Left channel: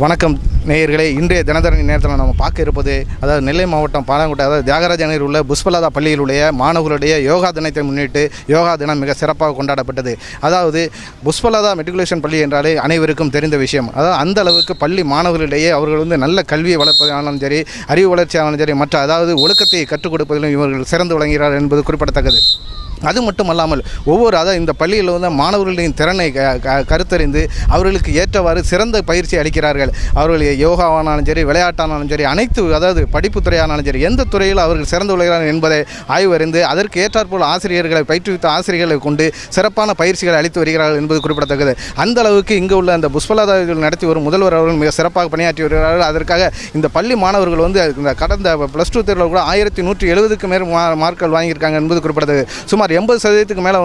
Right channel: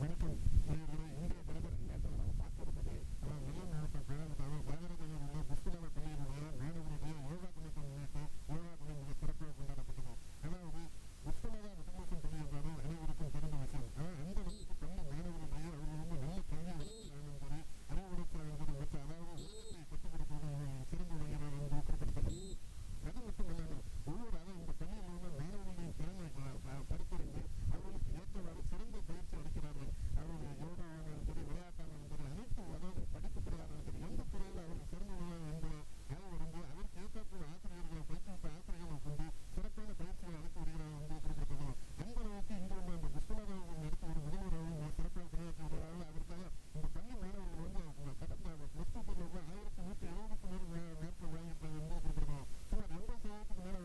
வணக்கம் நேயர்களே, இன்றைய தினதரணி நேரத்தில் நம்ம பார்க்க இருப்பது அதாவது நெல்லை மாவட்டம் பாலங்கோட்டை அதாவது தியாகராஜ நகரில் உள்ள புஷ்பலதா பள்ளியிலுடைய மாணவர்களுடைய யோகா தினத்தை முன்னிட்டு யோகா தினம் மிக சிறப்பாக கொண்டாடப்பட்டது. அதாவது புஷ்பலதா மெட்ரிகுலேஷன் பள்ளி என்றாலே அனைவருக்கும் தெரிந்த விஷயம். அதாவது அந்த அளவுக்கு பள்ளி மாணவர்களிடையே அவர்கள் நல்ல கல்வியை வளர்ப்பதாலும் சரி, அறிவு வளர்ச்சியாலும் சரி, மற்ற அதாவது ஒழுக்கத்தை கற்றுக் கொடுப்பதிலும் இவர்கள் சிறந்து விளங்குகிறார் என்பது குறிப்பிடத்தக்கது. அது மட்டுமல்லாமல் அதாவது இந்த பள்ளியில் மாணவர்களின் திறனை கருத்தறிந்து அவர்களுக்கு ஏற்றவாறு சிறந்த பயிற்சி அளிக்கிறார்கள். அவர்கள் யோகாவானாலும் சரி, விளையாட்டானாலும் சரி, அதாவது படிப்பு துறையானாலும் சரி, எந்த துறையில் அவர்கள் சிறந்து விளங்குகிறார்கள் என்பதை ஆய்வறிந்து அதற்கு ஏற்றாற்போல் ஆசிரியர்களை பயிற்றுவித்த ஆசிரியர்களை கொண்டு சிறப்பான பயிற்சிகளை அளித்து வருகிறார்கள் என்பது குறிப்பிடத்தக்கது. அந்த அளவுக்கு இங்கு உள்ள அந்த புஷ்பலதா நடத்தி வரும் முதல்வர் அவர்கள் மிக சிறப்பாக பணியாற்றி வருகிறார்கள். அதற்காக இந்த பள்ளி மாணவர்கள் இந்த கடந்த +2 தேர்வில் கூட 1170க்கு மேல் மார்க்கள் வாங்கியிருக்காங்க என்பது குறிப்பிடத்தக்கது. சுமார் 80% மேலே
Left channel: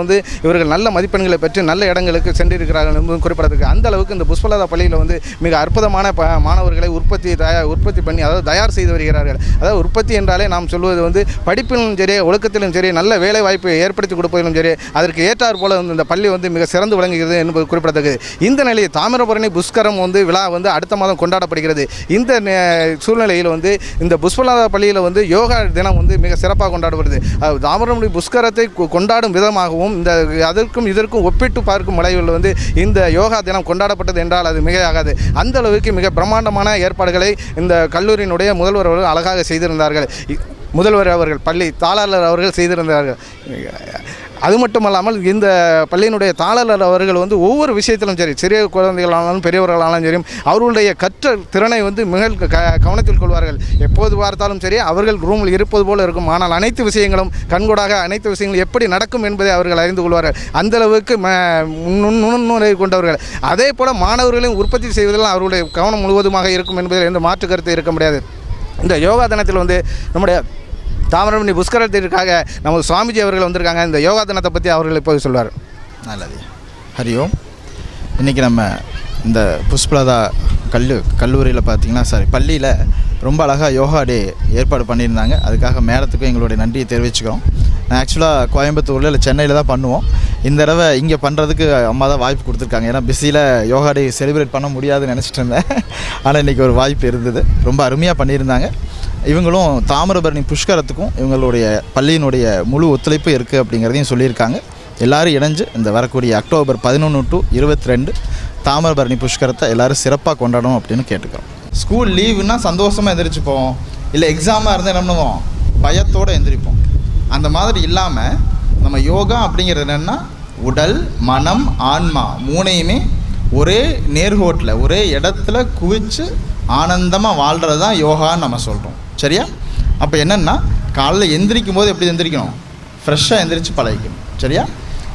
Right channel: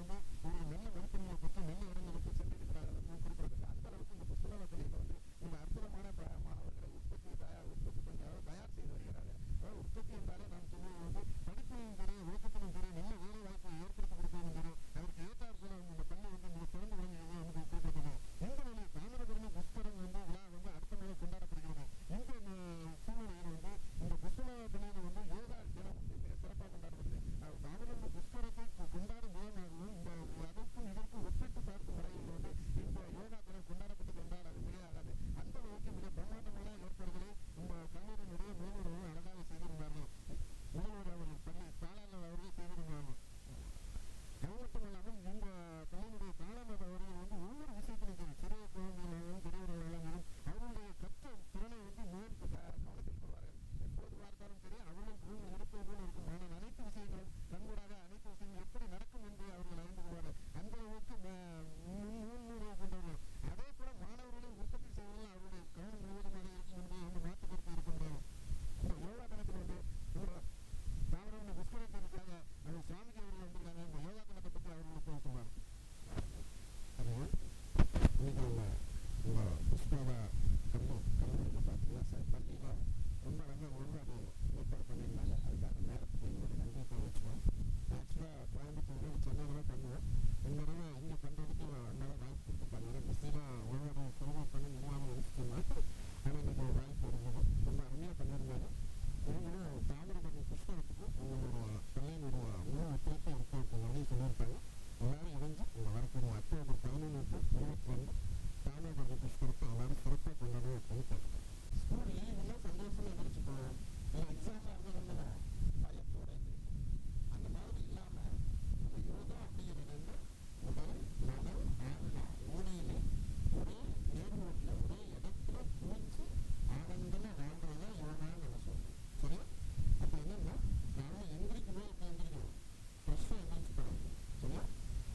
இவர்கள் நல்ல மதிப்பெண்களை பெற்று நல்ல இடங்களுக்கு சென்றிருக்கிறார்கள் என்பதும் குறிப்பிடத்தக்கது. அந்த அளவுக்கு இந்த புஷ்பலதா பள்ளியில் மிக அற்புதமான மாணவர்களை உற்பத்தி பண்ணி அதாவது தயார் செய்து வருகிறார்கள். அதாவது உற்பத்தி என்றாலே நாம் சொல்வது படிப்பிலும் சரி, ஒழுக்கத்திலும் சரி, நல்ல வேலை வாய்ப்பை ஏற்படுத்தி கொடுப்பதிலும் சரி, அதற்கு ஏற்றார் போல இந்த பள்ளி மிக சிறந்து விளங்குகிறது என்பது குறிப்பிடத்தக்கது. இந்த நிலையில் தாமிரபரணி புஷ்கரம் விழா அடுத்த மாதம் கொண்டாடப்படுகிறது. இந்த சூழ்நிலையில் இந்த புஷ்பலதா பள்ளியில் யோகா தினம் மிக சிறப்பாக கொண்டாடப்படுது. தாமிரபரணி புஷ்கரத்தை கொண்டாடும் விதமாகவும் அதற்கும் இதற்கும் ஒப்பிட்டு பார்க்கும் அளவில் இந்த யோகா தினம் கொண்டாடப்பட்டது என்றால் அது மிகையாகாது. அந்த அளவுக்கு மிக பிரம்மாண்டமான ஏற்பாடுகளை இந்த கல்லூரியினுடைய முதல்வர் அவர்கள் அழகாக செய்திருந்தார்கள். முதல்வர் அவர்கள் பள்ளி தாளாளர் அவர்கள் செய்திருந்தார்கள். அது மட்டுமல்லாமல் இந்த பள்ளியினுடைய தாளர் அவர்கள் ஒவ்வொரு விஷயத்திலும் சரி, சிறிய குழந்தைகளானாலும் பெரியவர்களானாலும் சரி, அவர்களுடைய கற்ற திறனை மிக கவனத்தில் கொள்வார்கள். எப்போது பார்த்தாலும் சரி, அவர்கள் ரூமில் இருப்பது போல இருக்கும். ஆனால் அனைத்து விஷயங்களும் கண்கூடாக அனைத்து விஷயங்களும் எப்படி நடக்கும் என்பதை அவர்கள் அறிந்து கொள்வார்கள். அந்தளவுக்கு நுண்ணுணர்வை கொண்டவர்கள். அதே போல் மாணவர்களையும் உற்பத்தி செய்வதில் அவர்களுடைய கவனம் முழுவதுமாக இருக்கும் என்பதில் எந்த மாற்று கருத்து இருக்க முடியாது. இந்த யோகா தினத்தில் நம்முடைய தாமிரபரணி புஷ்கரத்திற்காக நமது சுவாமிஜி அவர்கள் வந்திருக்காங்க. இந்த யோகா தினத்தை பற்றி அவர்கள் இப்போது சொல்வார். நல்லது. ஹரிஓம். இன்றைக்கி நம்ம இந்த புஷ்பலதா கல்லூரியில் பார்த்திங்கன்னா பள்ளியில் ரொம்ப அழகாக யோகா டே ஏற்பாடு பண்ணியிருந்தாங்க. அதுக்காக மேடத்துக்கும் எங்களுடைய நன்றியை தெரிவிச்சுக்கிறோம். நான் ஆக்சுவலாக கோயம்புத்தூரில் இல்லை சென்னையில் தான் பண்ணுவோம். இந்த தடவை இங்கே பண்ணுறதுக்கு அம்மா தான் வாய்ப்பு கொடுத்துருக்காங்க. ஏன்னா பிஸியில் யோகா டே செலிப்ரேட் பண்ண முடியாதுன்னு நினச்சிட்டு இருந்தேன். ஆனால் இன்றைக்கி ஒரு வாய்ப்பு இருந்தது. ரொம்ப அருமையாக பண்ணியிருந்தாங்க. இவங்களும் தாமிரபரணி புஷ்கரத்துக்கும் இவங்களுடைய பள்ளியினுடைய முழு ஒத்துழைப்பு இருக்குது அப்படிங்கிறதையும் சொல்லியிருக்காங்க. எல்லோரும் இணைஞ்சு இந்த வரக்கூடிய அக்டோபர் 11 to 22 தாமிரபரணி புஷ்கரத்தை எல்லோரும் சிறப்பாக கொண்டாடணும் அப்படின்னு கேட்டுக்கிறோம். ஸ்கூல் லீவுன்னா சந்தோஷமாக எந்திரிச்சுப்போம். இல்லை எக்ஸாமாக இருந்தால் என்ன பண்ணுவோம், பயத்தோடு எந்திரிப்போம். அந்த மாதிரி இல்லாமல் நம்ம யோகா அப்படிங்கிறது என்னென்னா உடல், மனம், ஆன்மா மூணையுமே ஒரே நேர்கோட்டில் ஒரே இடத்துல குவிச்சு ஆனந்தமாக வாழ்கிறது தான் யோகான்னு நம்ம சொல்கிறோம். சரியா? அப்போ என்னென்னா காலையில் எந்திரிக்கும் போது எப்படி எந்திரிக்கணும், ஃப்ரெஷ்ஷாக எந்திரிச்சு பழகிக்கணும். சரியா?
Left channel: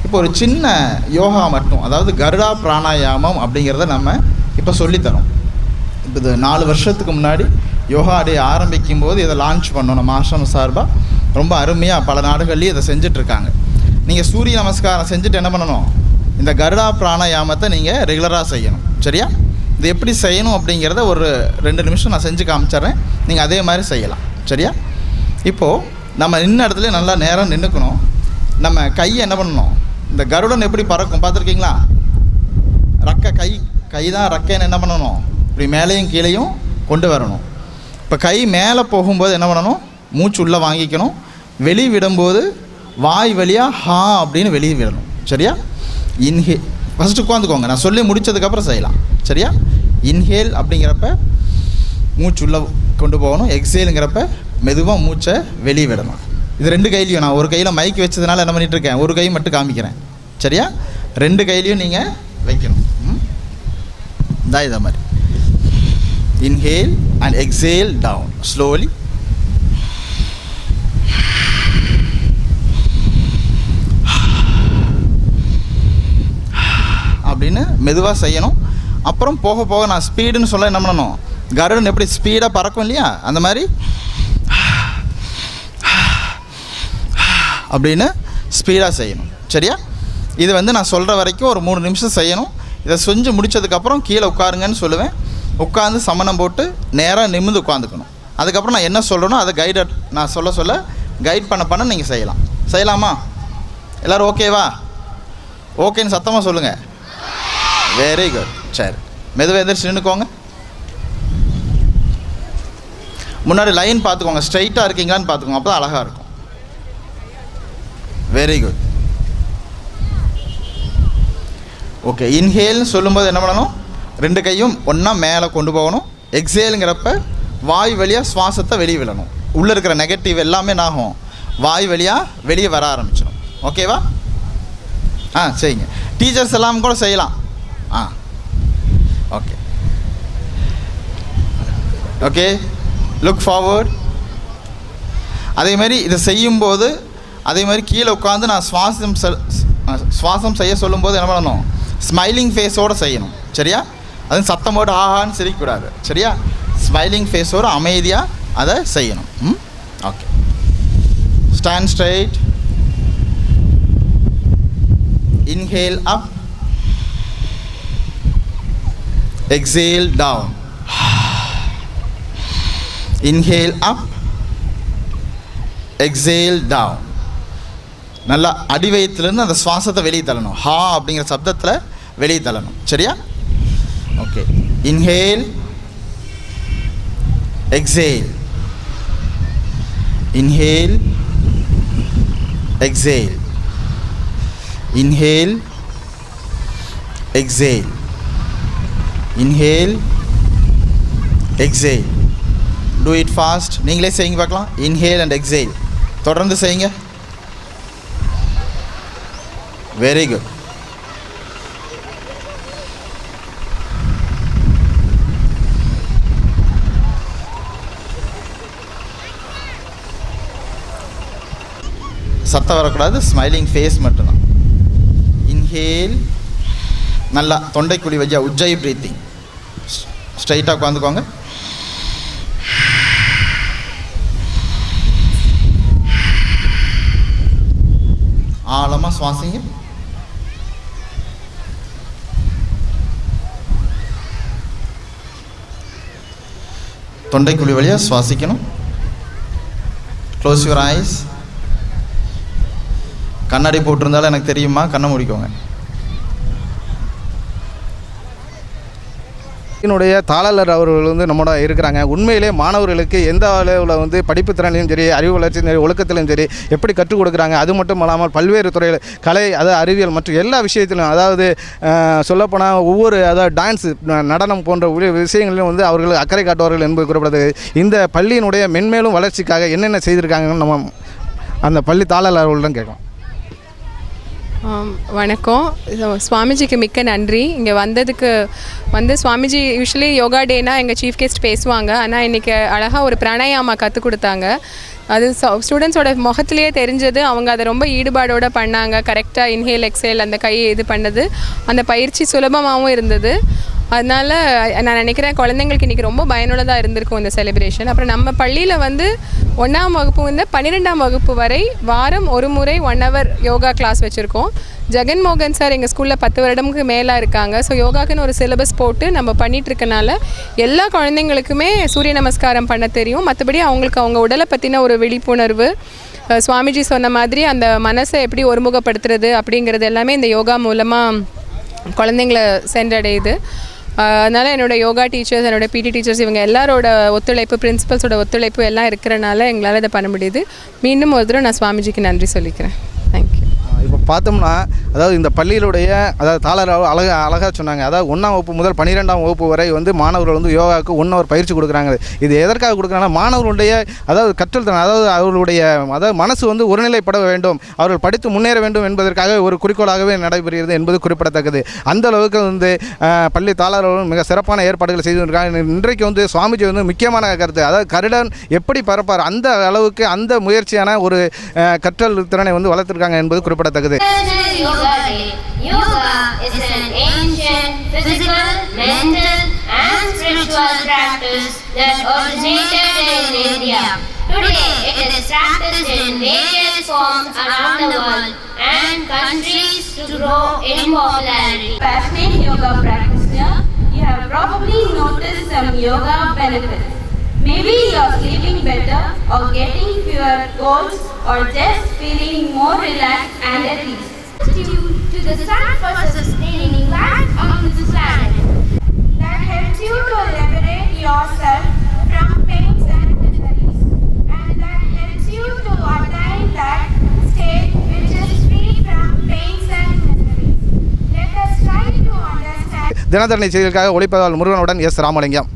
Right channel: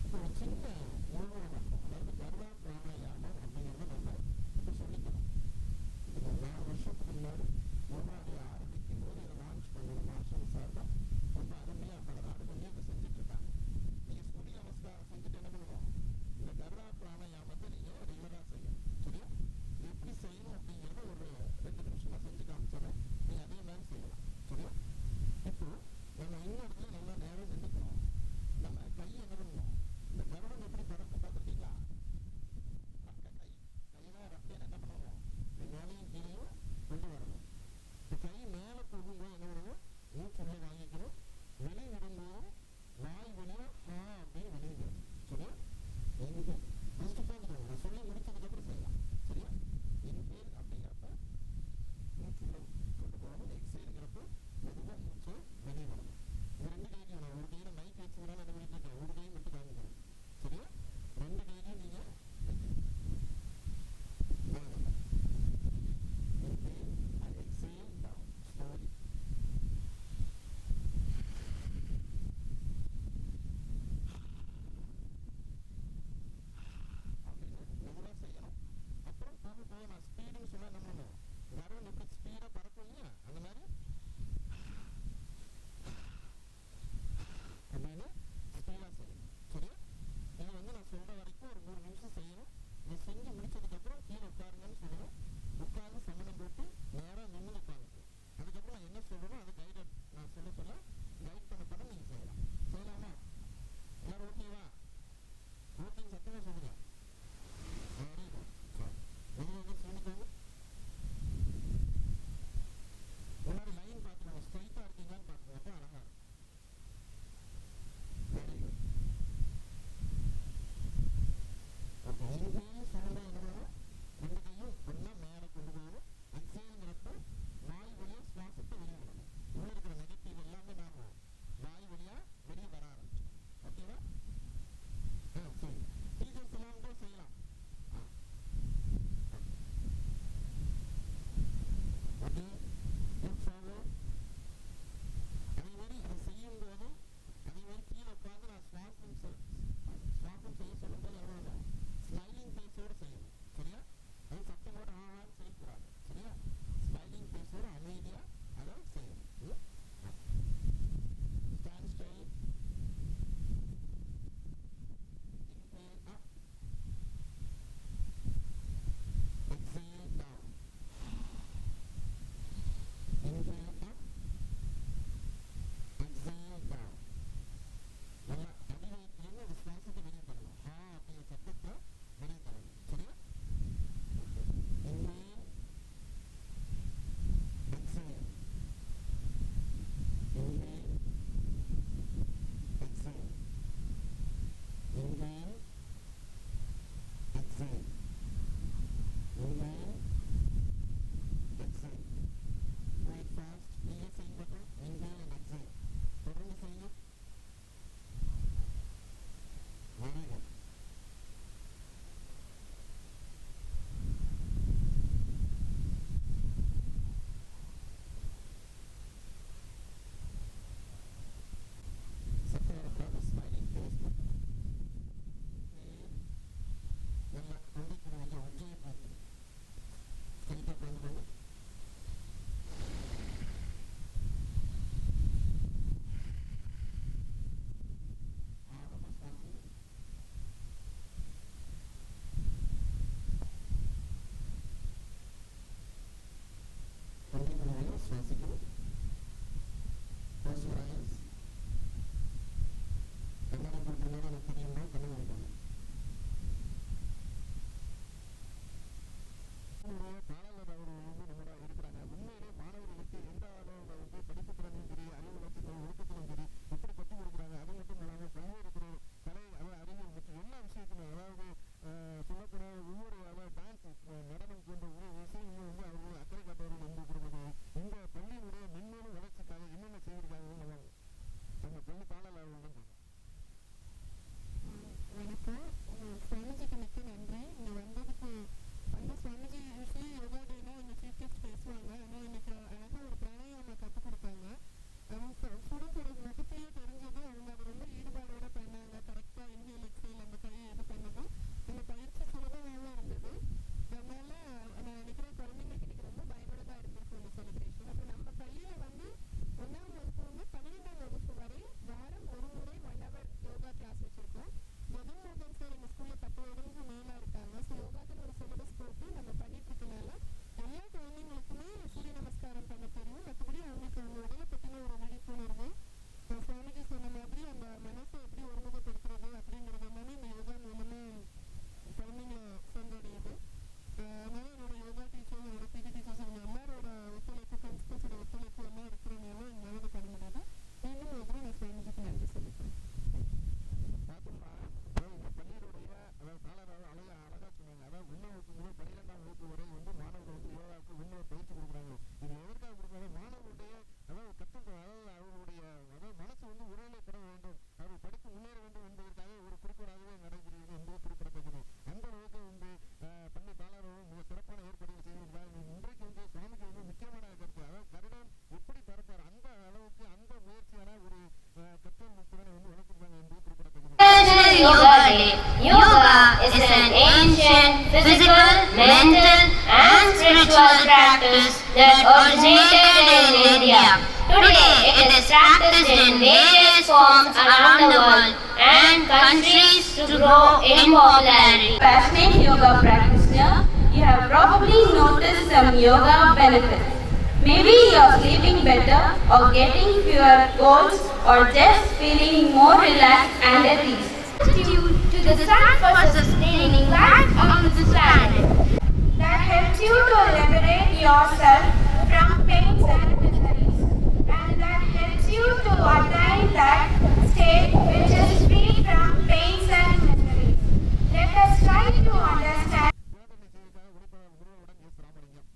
இப்போ ஒரு சின்ன யோகா மட்டும், அதாவது கருடா பிராணாயாமம் அப்படிங்கிறத நம்ம இப்போ சொல்லித்தரோம். இப்போ இது 4 வருஷத்துக்கு முன்னாடி யோகா டே ஆரம்பிக்கும் போது இதை லான்ச் பண்ணோம் நம்ம ஆசிரமம் சார்பாக. ரொம்ப அருமையாக பல நாடுகள்லேயும் இதை செஞ்சிட்ருக்காங்க. நீங்கள் சூரிய நமஸ்காரம் செஞ்சுட்டு என்ன பண்ணணும், இந்த கருடா பிராணாயாமத்தை நீங்கள் ரெகுலராக செய்யணும். சரியா? இது எப்படி செய்யணும் அப்படிங்கிறத ஒரு 2 நிமிஷம் நான் செஞ்சு காமிச்சிட்றேன். நீங்கள் அதே மாதிரி செய்யலாம். சரியா? இப்போது நம்ம நின்ன இடத்துல நல்லா நேரம் நின்றுக்கணும். நம்ம கையை என்ன பண்ணணும், இந்த கருடன் எப்படி பறக்கும் பார்த்துருக்கீங்களா? கை தான் ரக்கைன்னு என்ன பண்ணணும், இப்படி மேலேயும் கீழேயும் கொண்டு வரணும். இப்போ கை மேலே போகும்போது என்ன பண்ணணும், மூச்சு உள்ளே வாங்கிக்கணும். வெளியே விடும்போது வாய் வழியாக ஹா அப்படின்னு வெளியே விடணும். சரியா? ஃபஸ்ட்டு உட்காந்துக்கோங்க, நான் சொல்லி முடித்ததுக்கப்புறம் செய்யலாம். சரியா? இன்ஹேல் அப்படிங்கிறப்ப மூச்சு உள்ளே கொண்டு போகணும். எக்ஸேலுங்கிறப்ப மெதுவாக மூச்சை வெளியே விடணும். இது 2 கையிலையும், நான் ஒரு கையில் மைக் வச்சதுனால என்ன பண்ணிகிட்ருக்கேன், ஒரு கை மட்டும் காமிக்கிறேன். சரியா? 2 கையிலையும் நீங்கள் வைக்கணும். இதை மாதிரி inhale and exhale down slowly. அப்படின்னு மெதுவாக செய்யணும். அப்புறம் போக போக நான் ஸ்பீடுன்னு சொல்ல என்ன பண்ணணும், கருடன் எப்படி ஸ்பீடாக பறக்கும் இல்லையா, அந்த மாதிரி அப்படின்னு ஸ்பீடாக செய்யணும். சரியா? இது நான் சொல்கிற வரைக்கும் ஒரு 3 நிமிஷம் செய்யணும். இதை செஞ்சு முடித்ததுக்கப்புறம் கீழே உட்காருங்கன்னு சொல்லுவேன். உட்காந்து சமணம் போட்டு நேராக நிமிர்ந்து உட்காந்துக்கணும். அதுக்கப்புறம் நான் என்ன சொல்கிறேனோ அதை நான் சொல்ல கைட் பண்ண நீங்கள் செய்யலாமா? எல்லோரும் ஓகேவா? ஓகேன்னு சத்தமாக சொல்லுங்கள். Very good. சரி, மெதுவாக எந்திரிச்சு நின்றுக்கோங்க. முன்னாடி லைன் பார்த்துக்கோங்க, ஸ்ட்ரைட்டாக இருக்கீங்களான்னு பார்த்துக்கோங்க, அப்போ தான் அழகாக இருக்கும். Very good. ஓகே, இன்ஹேல்னு சொல்லும்போது என்ன பண்ணணும், 2 கையும் ஒன்றா மேலே கொண்டு போகணும். எக்ஸேலுங்கிறப்ப வாய் வழியாக சுவாசத்தை வெளியே விடணும். உள்ளே இருக்கிற நெகட்டிவ் எல்லாமே என்னாகும், வாய் வழியாக வெளியே வர ஆரம்பிச்சிடும். ஓகேவா? செய்யுங்க. டீச்சர்ஸ் எல்லாம் கூட செய்யலாம். Okay okay, look forward. அதே மாதிரி இதை செய்யும்போது அதே மாதிரி கீழே உட்காந்து நான் சுவாசம் செய்ய சொல்லும்போது என்ன பண்ணணும், ஸ்மைலிங் ஃபேஸோடு செய்யணும். சரியா? அதுவும் சத்தம் போட்டு ஆஹான்னு சிரிக்கக்கூடாது. சரியா? ஸ்மைலிங் ஃபேஸோடு அமைதியாக அதை செய்யணும். Okay, stand straight. Inhale up, exhale down. Inhale up, exhale down. நல்லா அடிவயத்துலேருந்து அந்த சுவாசத்தை வெளியே தள்ளணும். ஹா அப்படிங்கிற சப்தத்தில் வெளியே தள்ளணும். சரியா? Okay, inhale, exhale, inhale, exhale, inhale, exhale, inhale, exhale. Do it fast. நீங்களே செய்யுங்க பார்க்கலாம். இன்ஹேல் அண்ட் எக்ஸேல் தொடர்ந்து செய்யுங்க. Very good. சத்தம் வரக்கூடாது, ஸ்மைலிங் ஃபேஸ் மட்டும்தான். இன்ஹேல், நல்லா தொண்டைக்குழி வச்சா உஜ்ஜை ப்ரீத்திங். ஸ்ட்ரைட்டாக உட்காந்துக்கோங்க. ஆழமாக சுவாசிங்க. தொண்டைக்குழி வழியாக சுவாசிக்கணும். Close your eyes. கண்ணாடி போட்டிருந்தாலும் எனக்கு தெரியுமா, கண்ணை முடிக்கோங்க. என்னுடைய தாளர் அவர்கள் வந்து நம்மளோட இருக்கிறாங்க. உண்மையிலே மாணவர்களுக்கு எந்த அளவில் வந்து படிப்பு திறனையும் சரி, அறிவு வளர்ச்சியும் சரி, ஒழுக்கத்திலும் சரி எப்படி கற்றுக் கொடுக்குறாங்க. அது மட்டும் இல்லாமல் பல்வேறு துறையில் கலை, அதாவது அறிவியல் மற்றும் எல்லா விஷயத்திலும், அதாவது சொல்லப்போனால் ஒவ்வொரு அதாவது டான்ஸு, நடனம் போன்ற விஷயங்களிலும் வந்து அவர்கள் அக்கறை காட்டுவார்கள் என்பது குறிப்பிடத்தக்கது. இந்த பள்ளியினுடைய மென்மேலும் வளர்ச்சிக்காக என்னென்ன செய்திருக்காங்கன்னு நம்ம அந்த பள்ளி தாளர் அவர்களிடம் கேட்கலாம். வணக்கம். சுவாமிஜிக்கு மிக்க நன்றி. இங்கே வந்ததுக்கு சுவாமிஜி யூஸ்வலி யோகா டேனா எங்கள் சீஃப் கெஸ்ட் பேசுவாங்க. ஆனால் இன்றைக்கி அழகாக ஒரு பிராணாயாமா கற்றுக் கொடுத்தாங்க. அது ஸ்டூடெண்ட்ஸோட முகத்திலேயே தெரிஞ்சது. அவங்க அதை ரொம்ப ஈடுபாடோடு பண்ணாங்க. கரெக்டாக இன்ஹேல் எக்ஸேல் அந்த கையை இது பண்ணது, அந்த பயிற்சி சுலபமாகவும் இருந்தது. அதனால் நான் நினைக்கிறேன் குழந்தைங்களுக்கு இன்றைக்கி ரொம்ப பயனுள்ளதாக இருந்திருக்கும் இந்த செலிப்ரேஷன். அப்புறம் நம்ம பள்ளியில் 1ஆம் வகுப்பு 12ஆம் வகுப்பு வரை வாரம் ஒரு முறை 1 hour யோகா கிளாஸ் வச்சுருக்கோம். ஜெகன்மோகன் சார் எங்கள் ஸ்கூலில் 10 வருடமுக்கு மேலே இருக்காங்க. ஸோ யோகாக்குன்னு ஒரு சிலபஸ் போட்டு நம்ம பண்ணிகிட்ருக்கனால எல்லா குழந்தைங்களுக்குமே சூரிய நமஸ்காரம் பண்ண தெரியும். மற்றபடி அவங்களுக்கு அவங்க உடலை பற்றின ஒரு விழிப்புணர்வு, சுவாமிஜி சொன்ன மாதிரி அந்த மனசை எப்படி ஒருமுகப்படுத்துறது அப்படிங்கிறது எல்லாமே இந்த யோகா மூலமாக குழந்தைங்கள சென்றடையுது. அதனால் என்னோடய யோகா டீச்சர்ஸ், என்னோடய பிடி டீச்சர்ஸ், இவங்க எல்லாரோட ஒத்துழைப்பு, பிரின்சிபல்ஸோட ஒத்துழைப்பு எல்லாம் இருக்கிறனால எங்களால் இதை பண்ண முடியுது. மீண்டும் ஒரு தடவை நான் சுவாமிஜிக்கு நன்றி சொல்லிக்கிறேன். தேங்க்யூ. இப்போ பார்த்தோம்னா, அதாவது இந்த பள்ளியிலுடைய அதாவது தாளர் அழகாக சொன்னாங்க. அதாவது 1ஆம் வகுப்பு முதல் 12ஆம் வகுப்பு வரை வந்து மாணவர்கள் வந்து யோகாவுக்கு 1 hour பயிற்சி கொடுக்குறாங்க. இது எதற்காக கொடுக்குறாங்கன்னா, மாணவர்களுடைய அதாவது கற்றல் திறன், அதாவது அவர்களுடைய மனசு வந்து ஒருநிலைப்பட வேண்டும், அவர்கள் படித்து முன்னேற வேண்டும் என்பதற்காக ஒரு குறிக்கோளாகவே நடைபெறுகிறது என்பது குறிப்பிடத்தக்கது. அந்த அளவுக்கு வந்து பள்ளி தாளர்கள் மிக சிறப்பான ஏற்பாடுகள் செய்திருக்காங்க. இன்றைக்கு வந்து சுவாமிஜி வந்து முக்கியமான கருத்து, அதாவது கருடன் எப்படி பரப்பார், அந்த அளவுக்கு அந்த முயற்சியான ஒரு கற்றல் திறனை வந்து வளர்த்துருக்காங்க என்பது குறிப்பிடத்தக்கது. Yoga Day. Yoga is an ancient physical, mental and spiritual practice that originated in India. Today it is practiced in various forms around the world and countries to grow in popularity. Passionate yoga practitioner, you have probably noticed some yoga benefits. Maybe you are sleeping better or getting fewer colds or just feeling more relaxed and at ease. Due to the sun for sustaining life on this planet. That helps you to liberate yourself from pains and தினத்தரணி செய்திகளுக்காக ஒளிப்பதிவாளர் முருகனுடன் S Ramalingam.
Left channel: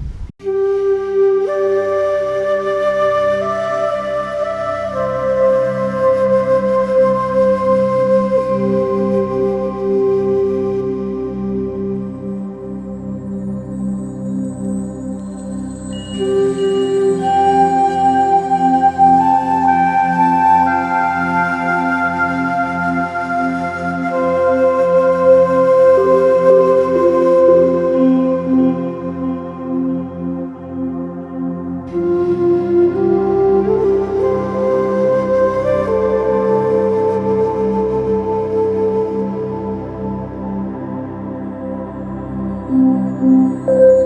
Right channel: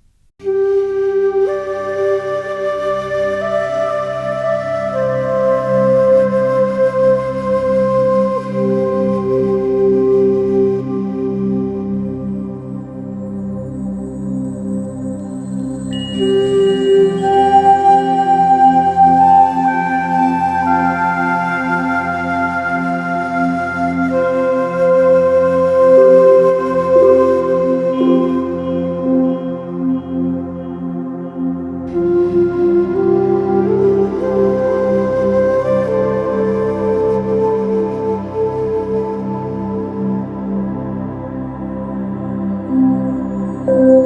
Thank you.